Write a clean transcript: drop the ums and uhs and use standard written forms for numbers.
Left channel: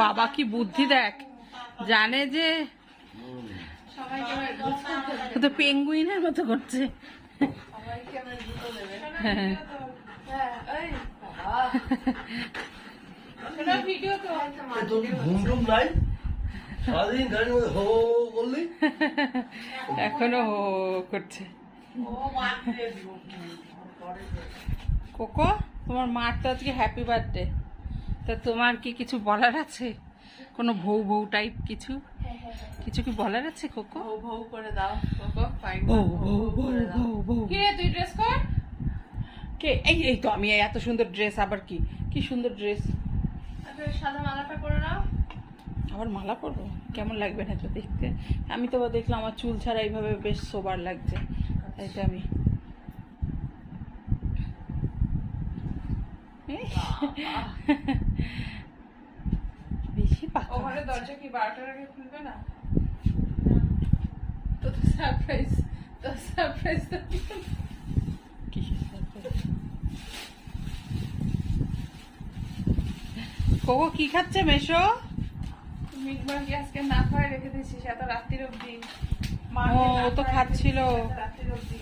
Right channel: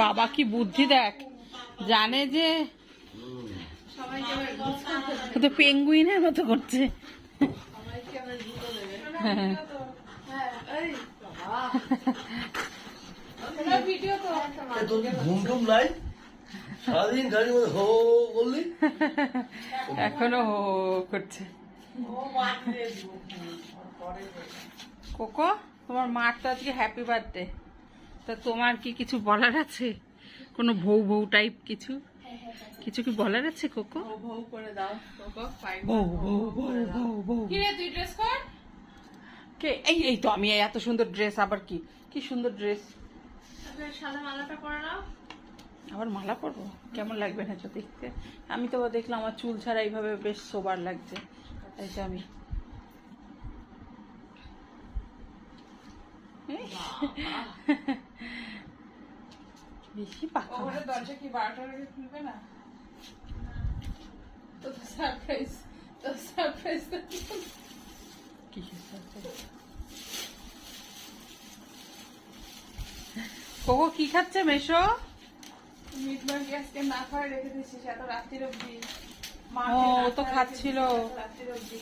বাবা কি বুদ্ধি দেখ, জানে যে তো পেঙ্গুইনের মতো করছে। হ্যাঁ এখনো হো করছে। কোকো, তোমার মার তো আজকে হ্যাপি বার্থডে, তা তোমার কি কিছু বলার আছে? কোনো ভৌ ভৌ টাইপ কিছু কিছু কি বলার আছে কোকো? ভৌ করে দাও কোকো, ভৌ ভৌ ভৌ ভৌ ভৌ। কি রে তুই ড্রেস কর। কে? এই এই তো আমি, এত সুন্দর ড্রেস, আবার কি কি সুন্দর ড্রেস। সাদা মালাটা পরে নাও। আবার মালা পরবো? কেমন লাগবে না তো দেখতে? আমি তো আবার দেখলাম আমার চুল ছাড়া এইভাবে বেশ সোবার লাগছে, তাই তো আমি বেশি পাকা। ওখানে দরজা কি 12টার আগে খুলবে না? তো সারপ্রাইজ, তো সারপ্রাইজ। কোকো কি খাচ্ছে মেশো? মিট মাগি আজকে না খাওয়াই রেখে দিয়েছিস এত রাত্রির অব্দি। ও তো খাচ্ছিল। রাত্রির অব্দি।